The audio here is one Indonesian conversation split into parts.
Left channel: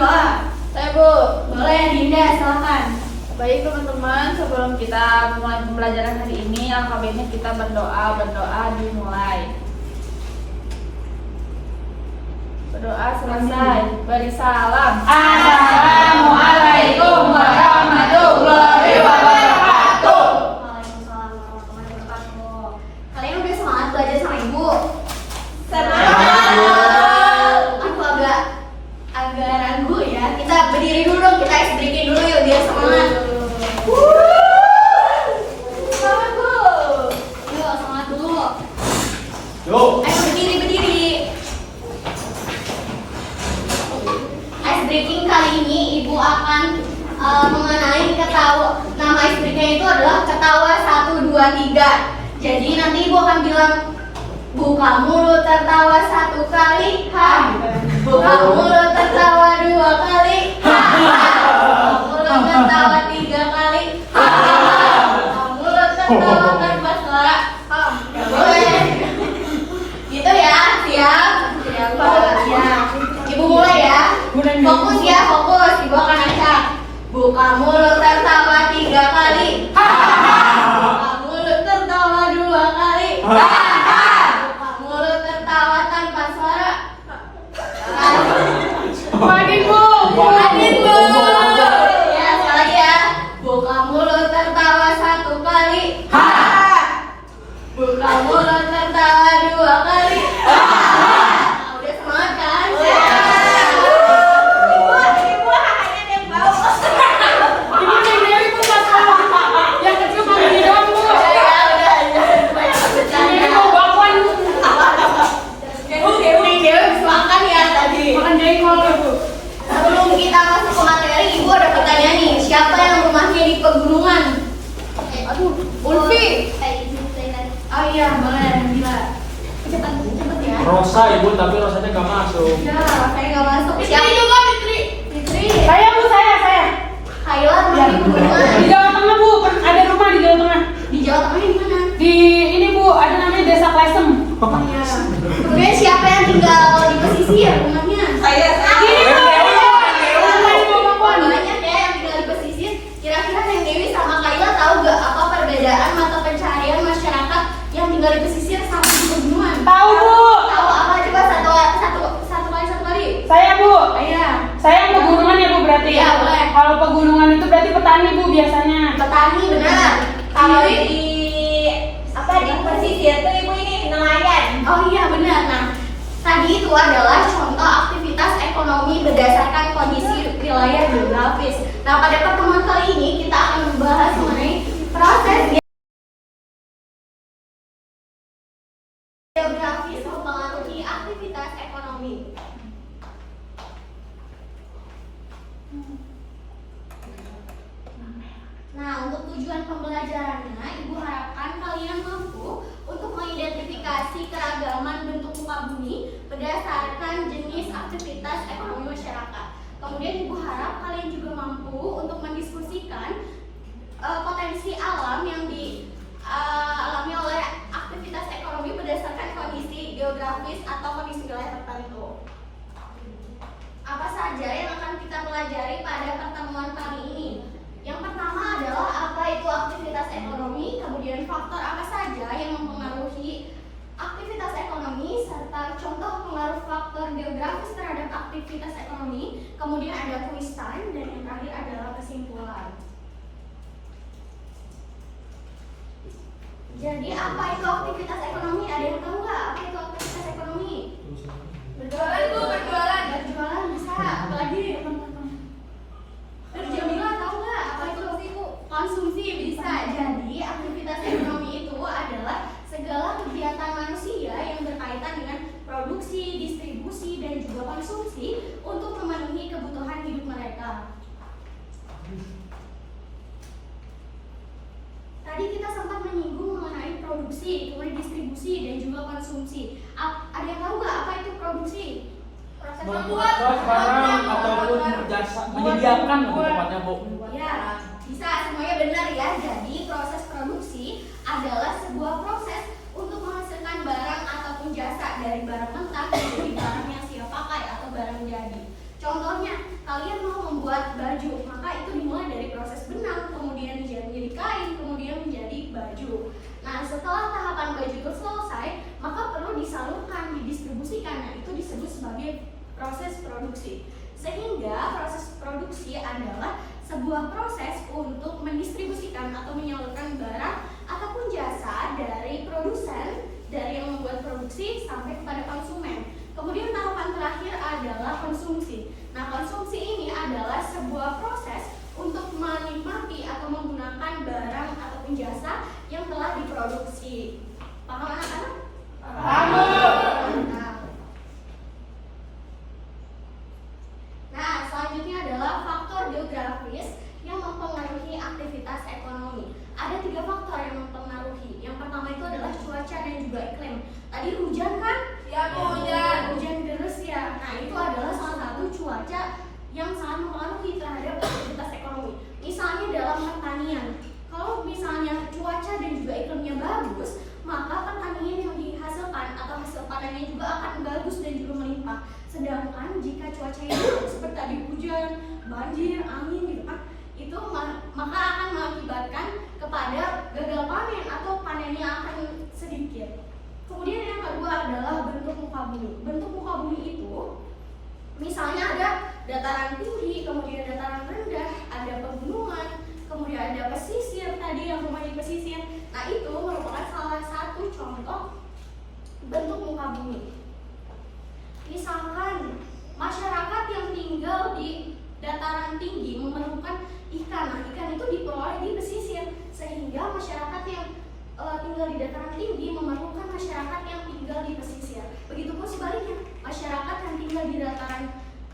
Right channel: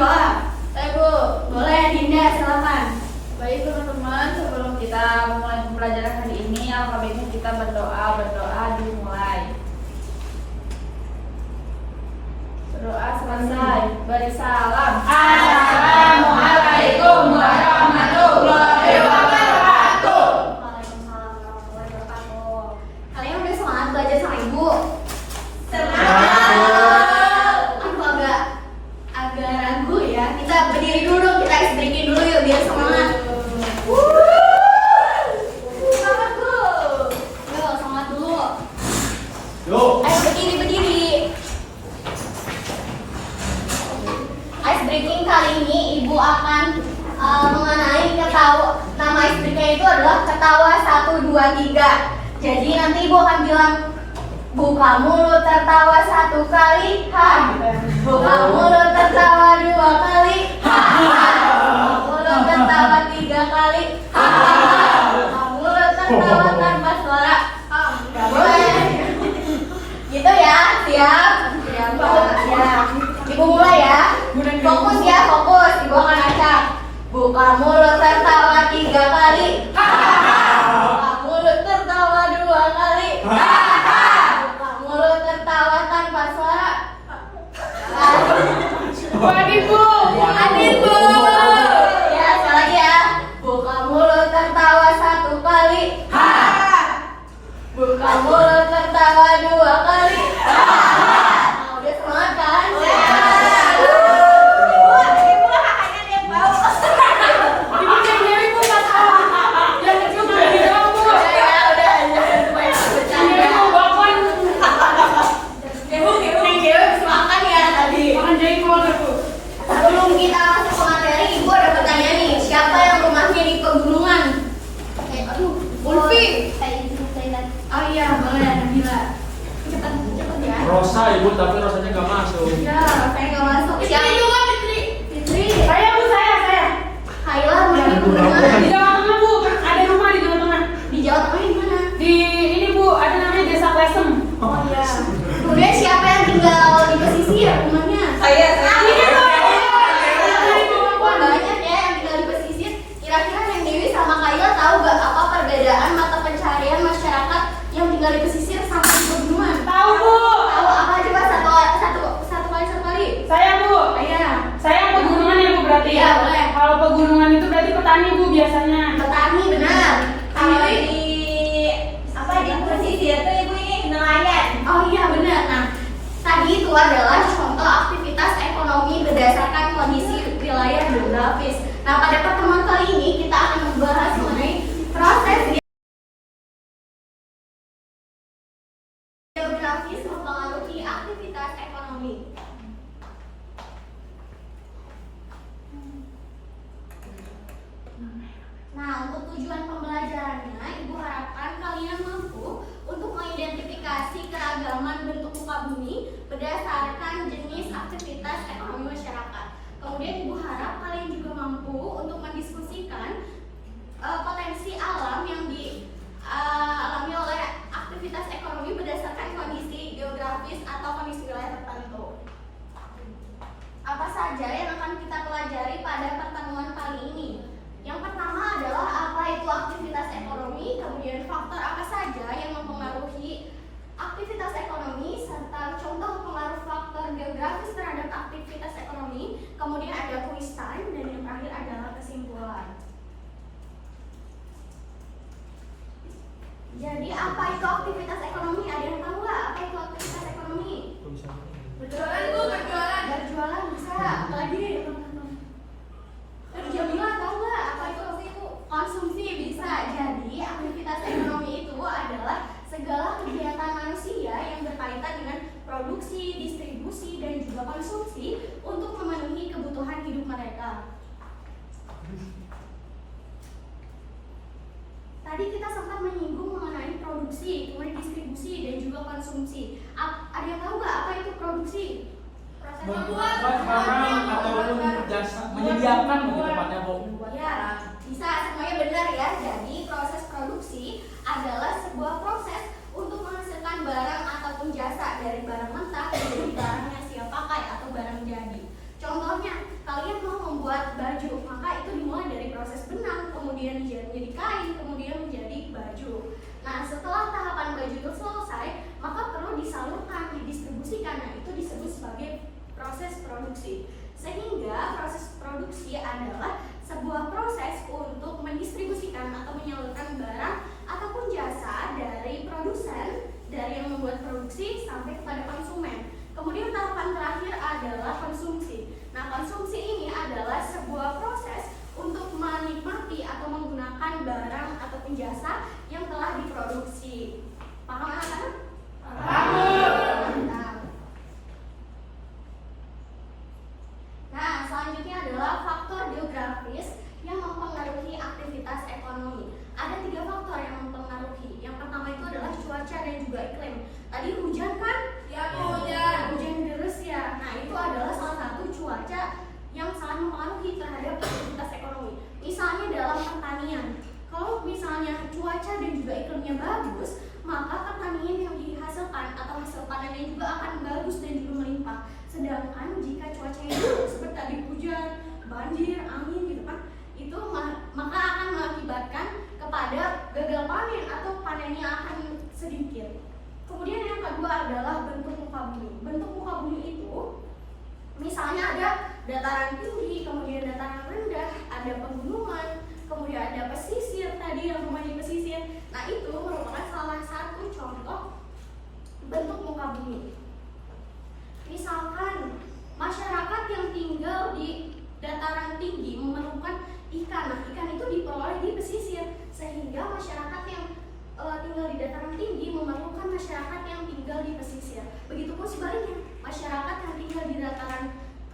doa. Saya Bu, boleh Dinda, silakan. Baik teman-teman, sebelum kita mulai pembelajaran hari ini, alangkah baiknya kita berdoa dimulai. Berdoa selesai, beri salam. Assalamualaikum warahmatullahi wabarakatuh. Waalaikumsalam warahmatullahi wabarakatuh. Kalian udah semangat belajar sama Ibu? Aku agak ragu ya. Kita berdiri dulu dong, kita ice breaking dulu yuk biar semangat. Semangat Bu. Yuk semangat dulu. Yuk. Ayo berdiri. Ice breaking kali ini Ibu akan mengenai nama ice breaking itu adalah ketawa 1, 2, 3. Jadi nanti Ibu akan bilang buka mulut tertawa 1 kali, ha. Buka mulut tertawa 2 kali, ha. Buka mulut tertawa 3 kali, ha. Buka mulut tertawa tanpa suara, ha. Gak boleh. Gitu ya, siap? Siap. Ibu mulai ya. Fokus ya, fokus. Ibu akan acak. Buka mulut tertawa 3 kali, ha. Buka mulut tertawa 2 kali, ha. Mulut tertawa tanpa suara. Adin Bu. Ya, sekali lagi ya. Buka mulut tertawa 1 kali, ha. Buka mulut tertawa 2 kali, ha. Udah semangat kan? Makan ya tadi. Sebelum kita masuk ke materi, Ibu ada pertanyaan nih. Siapa yang rumahnya di pegunungan? Ulfi. Oh iya, banget Nabila. Cepet ya. Rosa Ibu, tapi rasanya gak masuk. Ya, saya nggak masuk. Siapa juga Fitri? Saya Bu, saya. Kayla rumah di pegunungan. Di Jawa Tengah Bu, ada rumah di Jawa Tengah. Di Jawa Tengah di mana? Di ini Bu, ada namanya Desa Klesem. Oh iya. Kemudian siapa yang tinggal di pesisir rumahnya? Saya. Banyak ya yang tinggal di pesisir. Kira-kira Neng Dewi sama Kayla tahu gak apa perbedaan mata pencaharian masyarakat yang tinggal di pesisir sama di pegunungan? Tahu Bu. Tahu apa coba satu kali. Saya Bu. Iya. Saya pegunungan ya Bu berarti. Iya, boleh. Kalau pegunungan itu berarti petani Bu biasanya. Petani benar. Kalau di di pesisir itu Ibu ini nelayan. Oh iya benar. Nah, tadi itu adalah contoh aktivitas ekonomi berdasarkan kondisi wilayah geografis. Nah, pada pertemuan kali ini kita akan membahas mengenai proses geografis mempengaruhi aktivitas ekonomi. Nah, untuk tujuan pembelajarannya, Ibu harapkan kalian mampu untuk mengidentifikasi keragaman bentuk muka bumi berdasarkan jenis aktivitas ekonomi masyarakat. Kemudian Ibu harap kalian juga mampu untuk mendiskusikan potensi alam yang dialami oleh aktivitas ekonomi berdasarkan kondisi geografis atau kondisi wilayah tertentu. Apa saja yang akan kita pelajari pada pertemuan kali ini? Yang pertama adalah apa itu aktivitas ekonomi, kemudian faktor apa saja yang mempengaruhi aktivitas ekonomi, serta contoh pengaruh faktor geografis terhadap aktivitas ekonomi, kemudian ada quiz time, dan yang terakhir adalah kesimpulan. Jadi apa itu aktivitas ekonomi? Ada yang tahu nggak apa itu aktivitas ekonomi? Berjualan Bu, berjualan. Berjualan bisa, apalagi Jamila tahu nggak apa itu konsumsi bisa. Jadi aktivitas ekonomi itu adalah segala kegiatan manusia yang berkaitan dengan produksi, distribusi, dan juga konsumsi untuk memenuhi kebutuhan hidup mereka. Tadi kita sempat menyinggung mengenai produksi, kemudian distribusi, dan juga konsumsi. Ada yang tahu nggak apa itu produksi? Proses membuat barang ataupun jasa menyediakan tempatnya Bu. Ya, bisa semuanya benar ya. Jadi proses produksi adalah sebuah proses untuk menghasilkan barang ataupun jasa dari barang mentah menjadi barang yang siap pakai atau barang jadi. Contohnya, kalian mau membuat baju, maka itu dimulai dari proses benang, kemudian jadi kain, kemudian menjadi baju. Nah, setelah tahapan baju itu selesai, maka perlu disalurkan, didistribusikan. Nah, itu disebut sebagai proses produksi. Sehingga proses produksi adalah sebuah proses untuk mendistribusikan atau menyalurkan barang ataupun jasa dari produsen, dari yang membuat produksi sampai kepada konsumen. Kemudian tahapan terakhir adalah konsumsi. Nah, konsumsi ini adalah sebuah proses untuk menikmati atau menggunakan barang ataupun jasa yang telah diproduksi. Paham anak-anak? Paham. Nah, selanjutnya adalah faktor geografis yang mempengaruhi aktivitas ekonomi. Ada 3 faktor yang mempengaruhi. Yang pertama itu adalah cuaca dan juga iklim. Tadi hujan kan? Ya, hujan. Hujan deras ya. Nah, itu adalah salah satu cuaca yang sangat mempengaruhi terhadap aktivitas ekonomi. Misalnya dalam pertanian. Kalau misalnya cuaca dan juga iklimnya bagus, maka pertanian yang dihasilkan atau hasil panennya juga akan bagus dan juga melimpah. Sedangkan jika cuacanya buruk seperti tadi hujan, banjir, angin gitu kan, itu maka akan mengakibatkan kepada gagal panen atau panennya akan sedikit. Kemudian yang kedua adalah bentuk muka bumi. Bentuk muka bumi itu misalnya ada dataran tinggi, kemudian dataran rendah, ada pegunungan, kemudian ada pesisir tadi yang rumah di pesisir. Nah, itu merupakan salah satu contoh bentuk muka bumi. Misalkan masyarakat yang tinggal di dataran tinggi memerlukan ikan. Nah, ikan itu diperoleh di pesisir, sehingga masyarakat yang tinggal di dataran tinggi memerlukan masyarakat yang tinggal di pesisir. Begitupun sebaliknya, masyarakat yang tinggal di dataran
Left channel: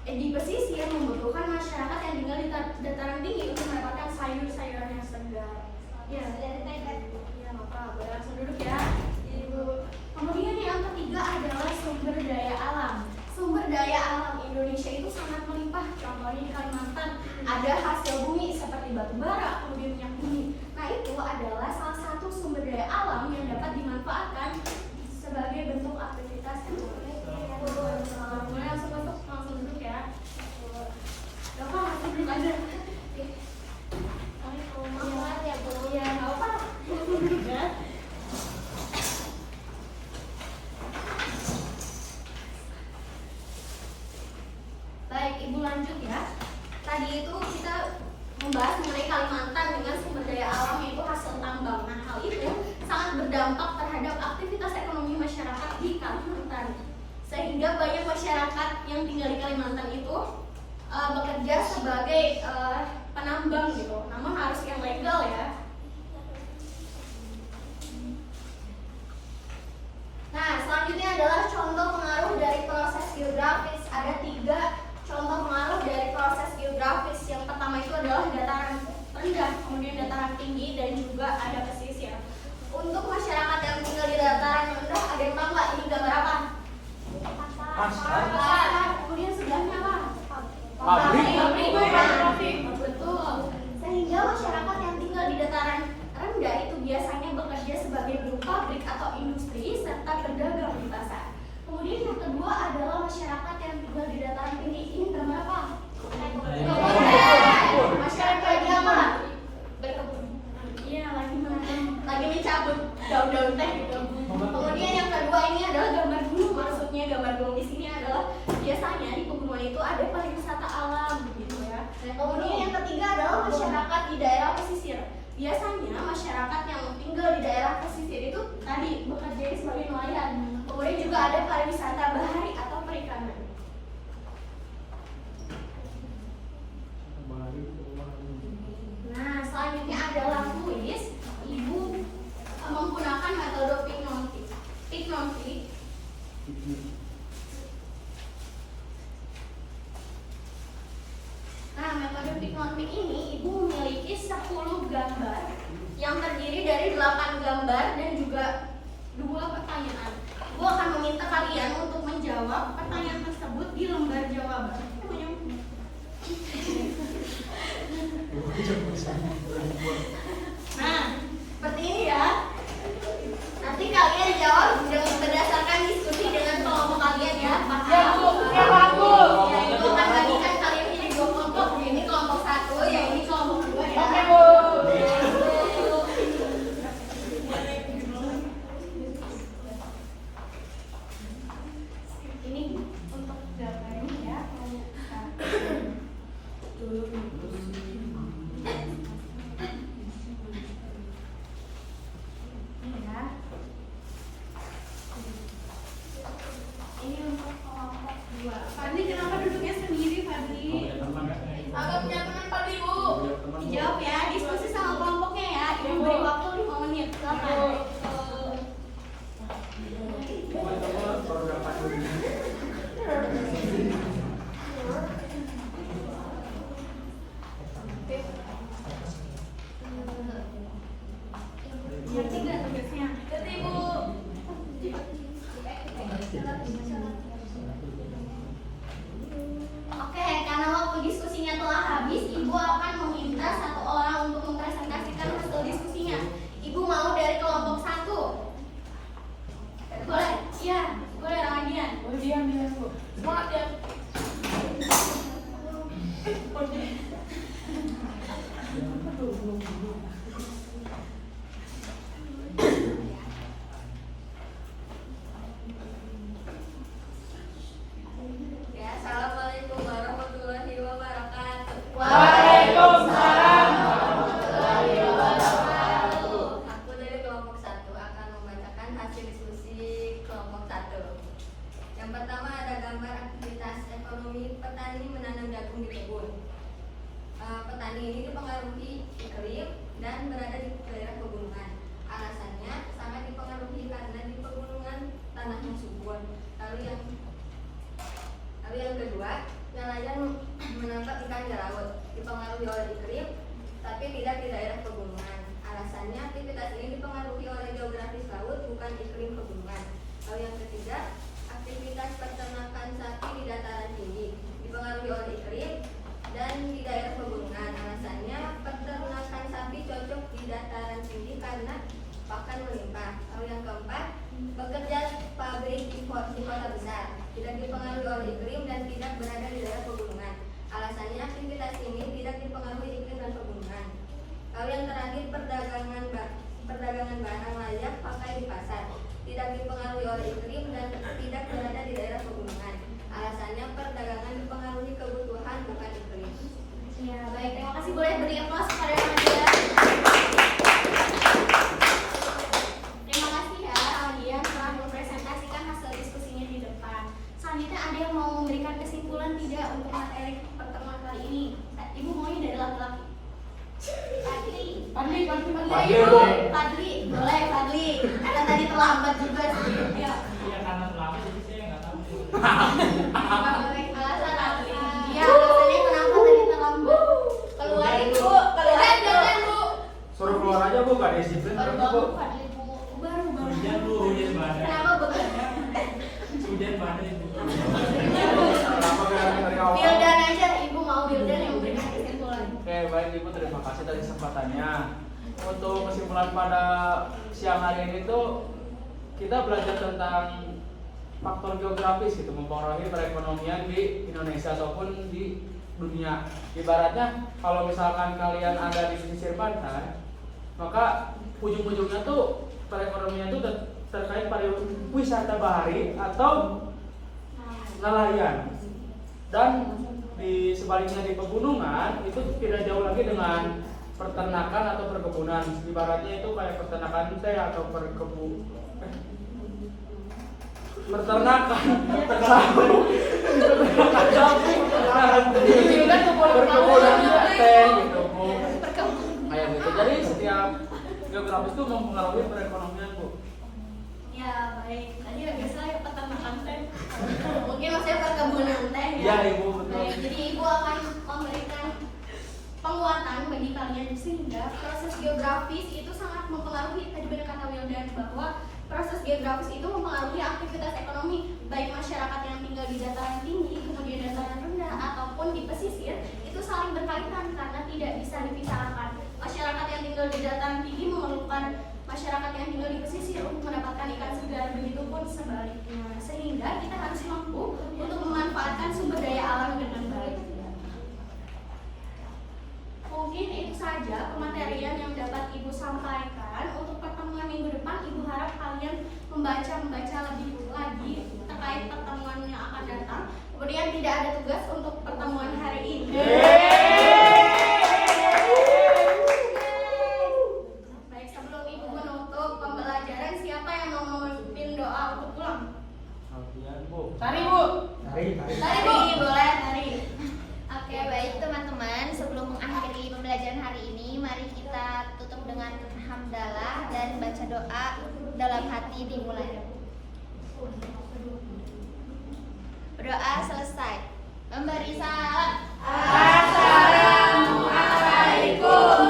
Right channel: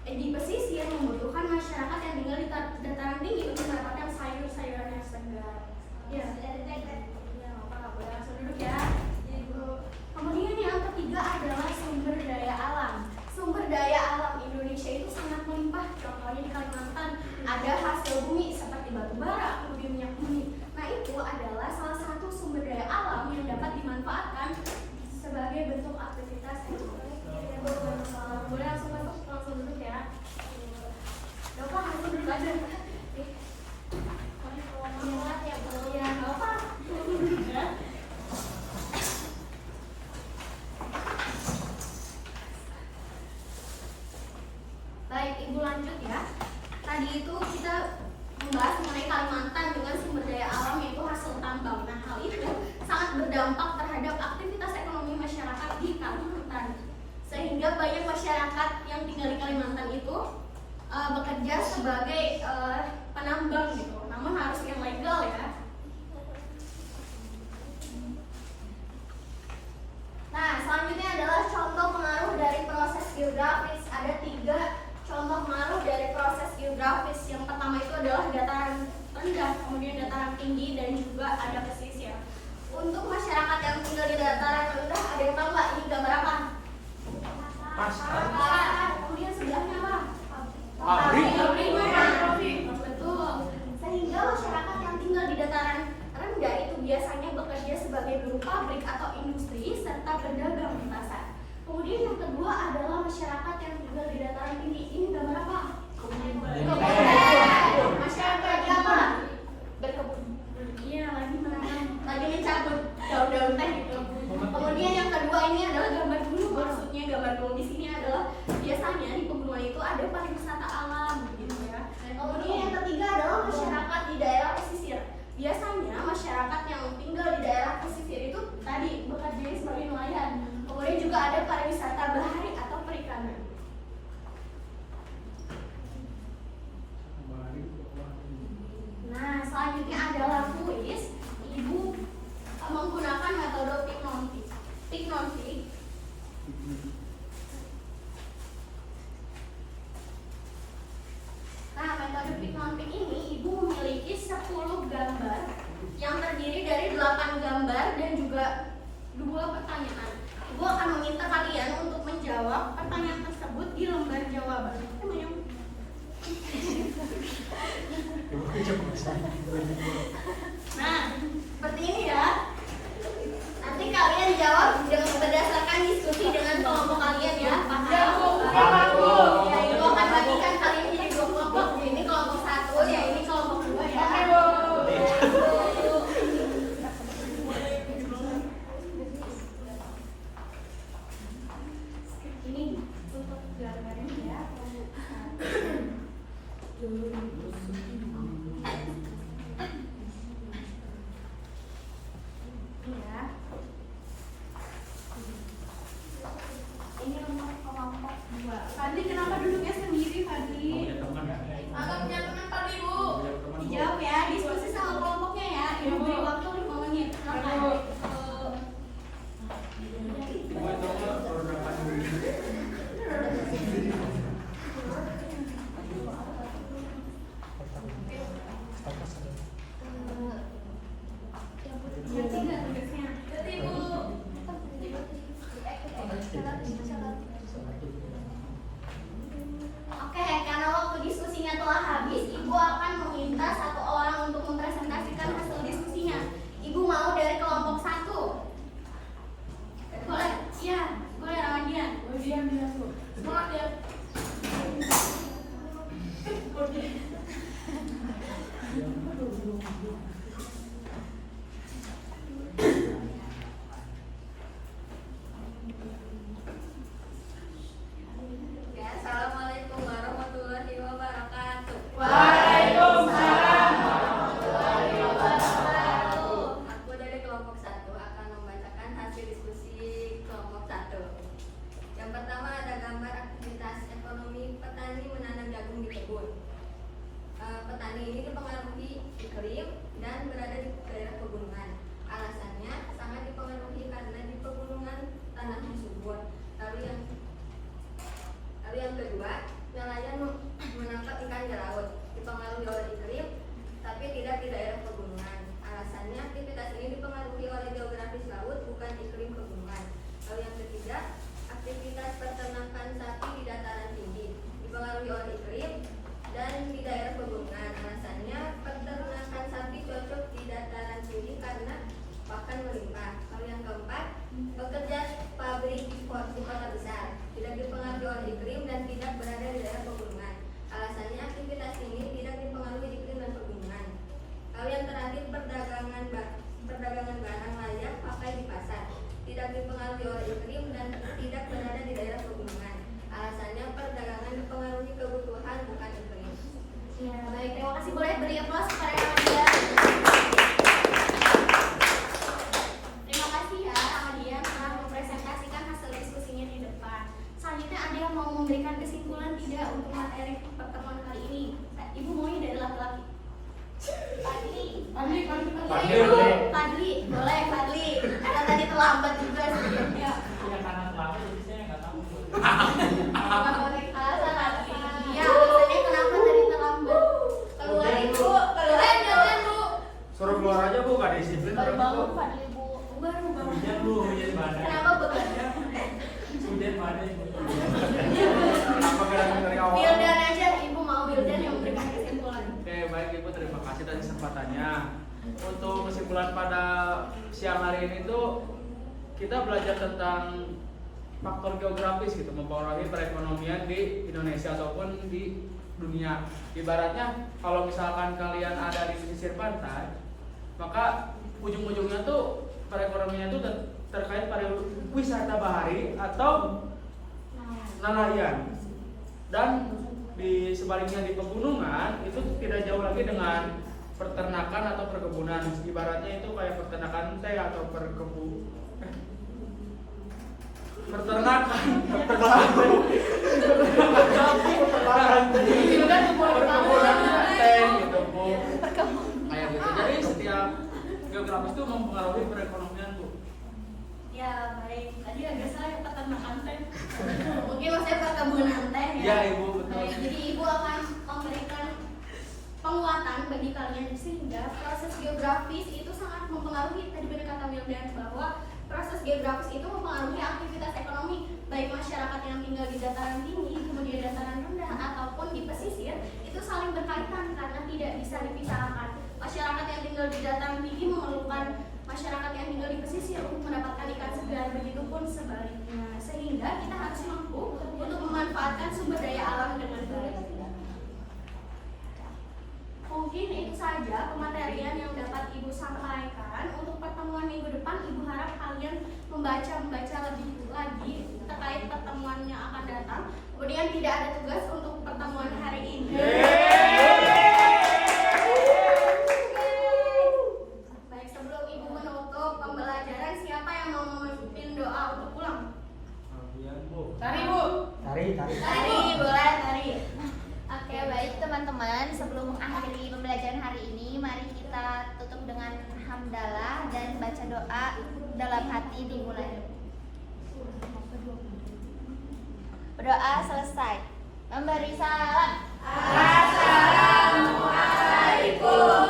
di pesisir membutuhkan masyarakat yang tinggal di dataran tinggi untuk mendapatkan sayur-sayuran yang segar. Ya, apa? Boleh langsung duduk ya. Kemudian yang ketiga adalah sumber daya alam. Sumber daya alam Indonesia itu sangat melimpah. Contohnya di Kalimantan ada hasil bumi seperti batu bara, kemudian minyak bumi. Nah, itu adalah salah satu sumber daya alam yang dapat dimanfaatkan sebagai bentuk aktivitas ekonomi. Boleh langsung duduk ya. Gak apa, langsung duduk aja. Ya, gak apa. Baik, Ibu lanjut ya. Tadi itu kita membahas mengenai Kalimantan dengan sumber daya alam yaitu hasil tambang. Nah, hal itu sangat berdampak terhadap aktivitas ekonomi masyarakat di Kalimantan. Sehingga banyak masyarakat yang tinggal di Kalimantan itu bekerja sebagai penambang gitu. Namun harus yang legal ya. Nah, selanjutnya adalah contoh pengaruh dari proses geografis. Ada 3 contoh pengaruh dari proses geografis. Yang pertama itu adalah dataran rendah, kemudian dataran tinggi, dan juga ada pesisir. Untuk masyarakat yang tinggal di dataran rendah, ada yang tahu nggak ini gambar apa? Pasar. Kemudian sebelahnya apa? Pabrik. Betul. Sehingga masyarakat yang tinggal di dataran rendah itu biasanya bekerja sebagai buruh pabrik atau industri serta berdagang di pasar. Kemudian yang kedua adalah masyarakat yang tinggal di dataran tinggi. Ini gambar apa? Masyarakat lagi apa? Iya, lagi mencabut daun-daun teh gitu. Kemudian yang kedua ini adalah gambar gunung. Maksudnya gambar gunung di sini adalah biasanya di pegunungan itu ada pariwisata alam begitu ya. Kemudian yang ketiga adalah masyarakat di daerah pesisir. Biasanya masyarakat yang tinggal di daerah pesisir itu tadi bekerja sebagai nelayan. Kemudian juga ada pariwisata bahari atau perikanan. Nah, selanjutnya adalah kuis. Ibu menggunakan metode Pyknotic. Nah, metode Pyknotic ini ibu memiliki 10 gambar yang terdiri dari 8 gambar dan juga 2 pertanyaan. Ibu akan meminta kalian untuk menjawab pertanyaan tersebut di lembar jawaban. Nah, seperti ini ya. Nanti kalian jawab dengan berdasarkan diskusi dengan kelompok kalian ya. Paham? Ya, Ibu akan bagikan kalian jadi 2 Oke, karena waktu diskusinya telah habis, Ibu akan meminta satu orang untuk mempresentasikan hasil diskusinya. Ibu mau dari kelompok 1? Boleh? Iya, boleh Ramadian. Oh, dia Bu. Semangat ya. Ya, assalamualaikum warahmatullahi wabarakatuh. Waalaikumsalam. Aku dari kelompok 1 akan membacakan hasil diskusi kelompok 1. Yang pertama ada gambar aktivitas ekonomi petani menanam jagung di kebun. Petani ini dipengaruhi iklim dan berada di daerah pegunungan. Alasannya sangat dipengaruhi karena di pegunungan tanahnya subur. Lalu yang kedua, nelayan menangkap ikan di laut, dipengaruhi oleh iklim, tapi tidak di daerah pegunungan. Alasannya aktivitas ini dipengaruhi oleh geografis laut, bukan iklim pegunungan. Lalu yang ketiga, aktivitas peternakan sapi di dataran tinggi, dipengaruhi oleh iklim dan di daerah pegunungan. Alasannya peternakan sapi cocok di dataran tinggi karena pakan melimpah. Lalu yang keempat, bekerja pabrik di kota besar, tidak dipengaruhi oleh iklim dan tidak berada di daerah pegunungan. Alasannya aktivitas ini tidak dipengaruhi iklim dan pegunungan. Lalu yang terakhir, perdagangan barang layak pakai di pasar, tidak dipengaruhi oleh iklim dan tidak berada di daerah pegunungan. Alasannya perdagangan dipengaruhi kebutuhan bukan iklim. Ya, baik. Terima kasih. Boleh beri aplaus kepada Ramadian. Terima kasih ya Ramadian telah mempresentasikan hasil diskusinya di depan. Selanjutnya ada yang mau memberikan kesimpulan tidak untuk materi pertemuan kali ini? Ibu maunya dari laki-laki. Fadli. Fadli, boleh Fadli. Karena tadi terlambat juga sih. Ya. Punya kanan lama jadi saya nggak tahu. Ya, alasannya kenapa tadi terlambat? Keluar ibu, keluar bu. Suruh keluar aja Bu, nggak disiplin Baru orangnya, Bu. bangun Fadli Bu. Baru bangun. Hujan lu, hujan badai. Kenapa bekerja? Hujan badai. Wildan aja, Ibu mau Wildan yang memberikan kesimpulan. Oke, baik Ibu, terima kasih atas kesempatannya. Untuk kesimpulan pada siang hari ini tuh kita belajar tentang faktor geografis gitu mempengaruhi perekonomian di Indonesia ataupun di dunia. Ibaratnya kalau misalkan kalian ada di pesisir pantai, maka ujung-ujungnya tuh perekonomian itu terkait pada wisata bahari atau nelayan. Dan di sebaliknya di pegunungan itu tidak jauh lagi dengan peternakan atau perkebunan. Ibaratnya itu kayak peternakan teh atau peternakan teh di kebun ayam gitu. Jadi setiap geografis itu mempengaruhi perekonomian Bu. Ya baik, tadi biasa ya peternakan teh. Mungkin maksudnya perkebunan teh ya. Ya Ibu. Baik, jadi Ibu akan memberikan penguatan bagi kalian sehingga proses geografis itu sangat mempengaruhi. Tadi benar kata Wildan bahwa proses geografis itu mempengaruhi aktivitas ekonomi baik masyarakat yang tinggal di dataran tinggi, kemudian dataran rendah ataupun di pesisir itu saling berkaitan karena tidak bisa dipisahkan. Masyarakat yang tinggal di dataran tinggi memerlukan masyarakat yang tinggal di pesisir untuk mendapatkan ikan segar, begitupun sebaliknya. Sehingga kita harus mampu untuk memanfaatkan sumber daya alam dengan baik. Mungkin itu saja pematerian yang dapat Ibu sampaikan. Untuk pertemuan minggu depan, Ibu harap kalian membaca lebih lagi terkait pertemuan yang akan datang. Kemudian tidak ada tugas untuk pertemuan hari ini. Baik, sebelum Ibu menutup pembelajaran, siapa yang mau memimpin doa untuk pulang? Tari Bu. Tari, boleh Tari. Oke, baik teman-teman, sebelum mengakhiri pembelajaran hari ini, mari kita tutup dengan hamdalah dan baca doa dalam hati dimulai. Berdoa selesai. Memberi salam. Assalamualaikum